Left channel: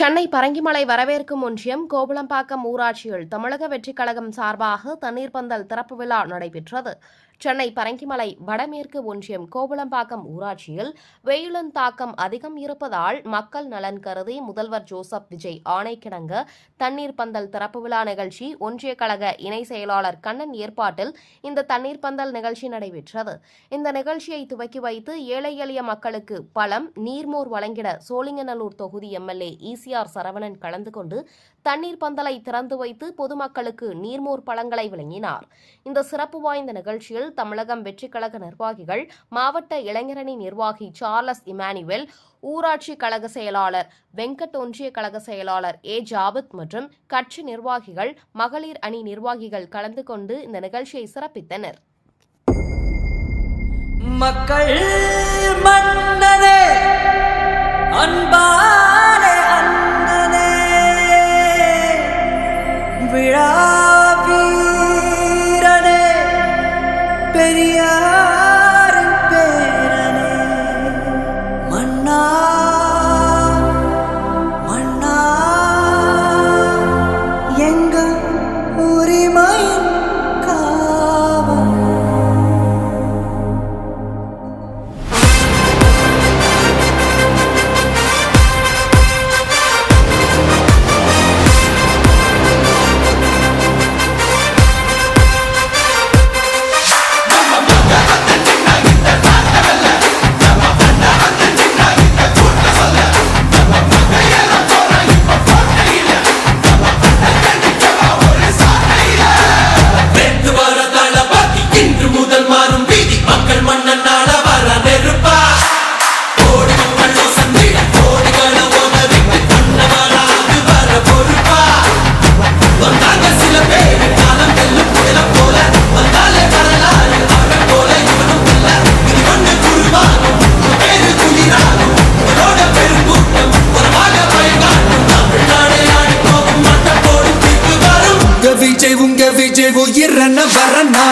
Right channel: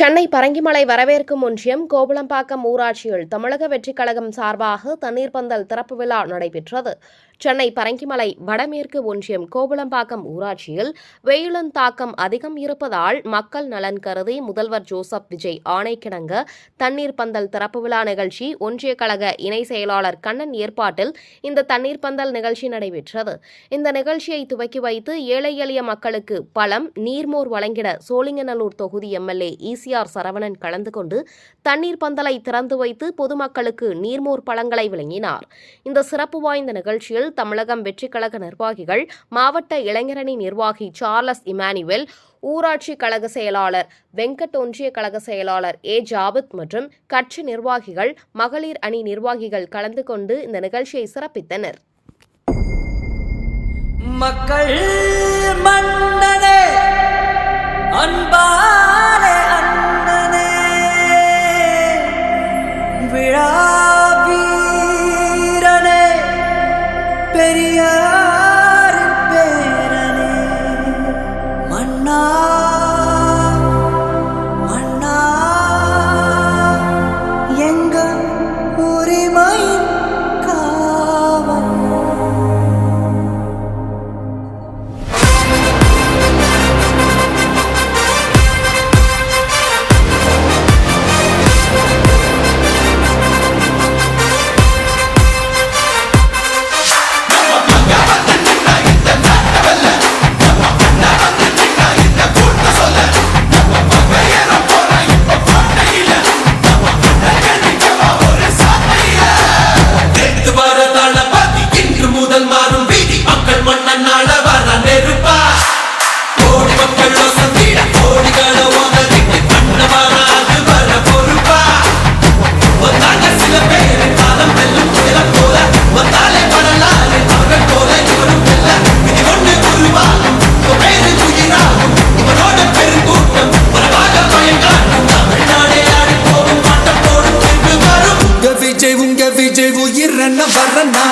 சென்னை பரங்கிமலை வரவேற்கும் ஒன்றியம் கோவளம்பாக்கம் ஊராட்சியில் தமிழக வெற்றிக் கழகம் சார்பாக தண்ணீர் பந்தல் திறப்பு விழா நடைபெற்றது. சென்னை பரங்கிமலை வடமேற்கு ஒன்றியம் கோவளம்பாக்கம் ஊராட்சியில் வெயிலின் தாக்கம் அதிகம் இருப்பதால் மக்கள் நலன் கருதி முதல்வர் ஜோசப் விஜய் ஆணைக்கிணங்க தண்ணீர் பந்தல் திறப்பு விழா நிகழ்ச்சி ஒன்றிய கழக இணை செயலாளர் கண்ணன் ஏற்பாட்டில் இந்த தண்ணீர் பந்தல் நிகழ்ச்சி நடைபெற்றது. இந்த நிகழ்ச்சியை துவக்கி வைத்து ஏழை எளிய மக்களுக்கு பழம், நீர்மோர் வழங்கிட சோழிங்கநல்லூர் தொகுதி எம்எல்ஏ ஈசிஆர் சரவணன் கலந்து கொண்டு தண்ணீர் பந்தலை திறந்து வைத்து பொதுமக்களுக்கு நீர்மோர் பழங்களை வழங்கினார். இந்த சிறப்பு வாய்ந்த நிகழ்ச்சியில் தமிழகம் வெற்றிக் கழக நிர்வாகிகள், மாவட்ட இளைஞரணி நிர்வாகி சார்லஸ் இமானுவேல், ஊராட்சி கழக செயலாளர் வெங்கட், ஒன்றிய கழக செயலாளர் ஏ ஜாபித் மற்றும் கட்சி நிர்வாகிகள், மகளிர் அணி நிர்வாகிகள் கலந்து கொண்டு இந்த நிகழ்ச்சியை சிறப்பித்தனர். மக்கள் மன்னனே, அன்பாலே அண்ணனே, விழாவீரனே, பெரியாரின் பேரனே, மன்னா மன்னா எங்க உரிமையின் காவல். உங்க விஜய் உயிரன வரனா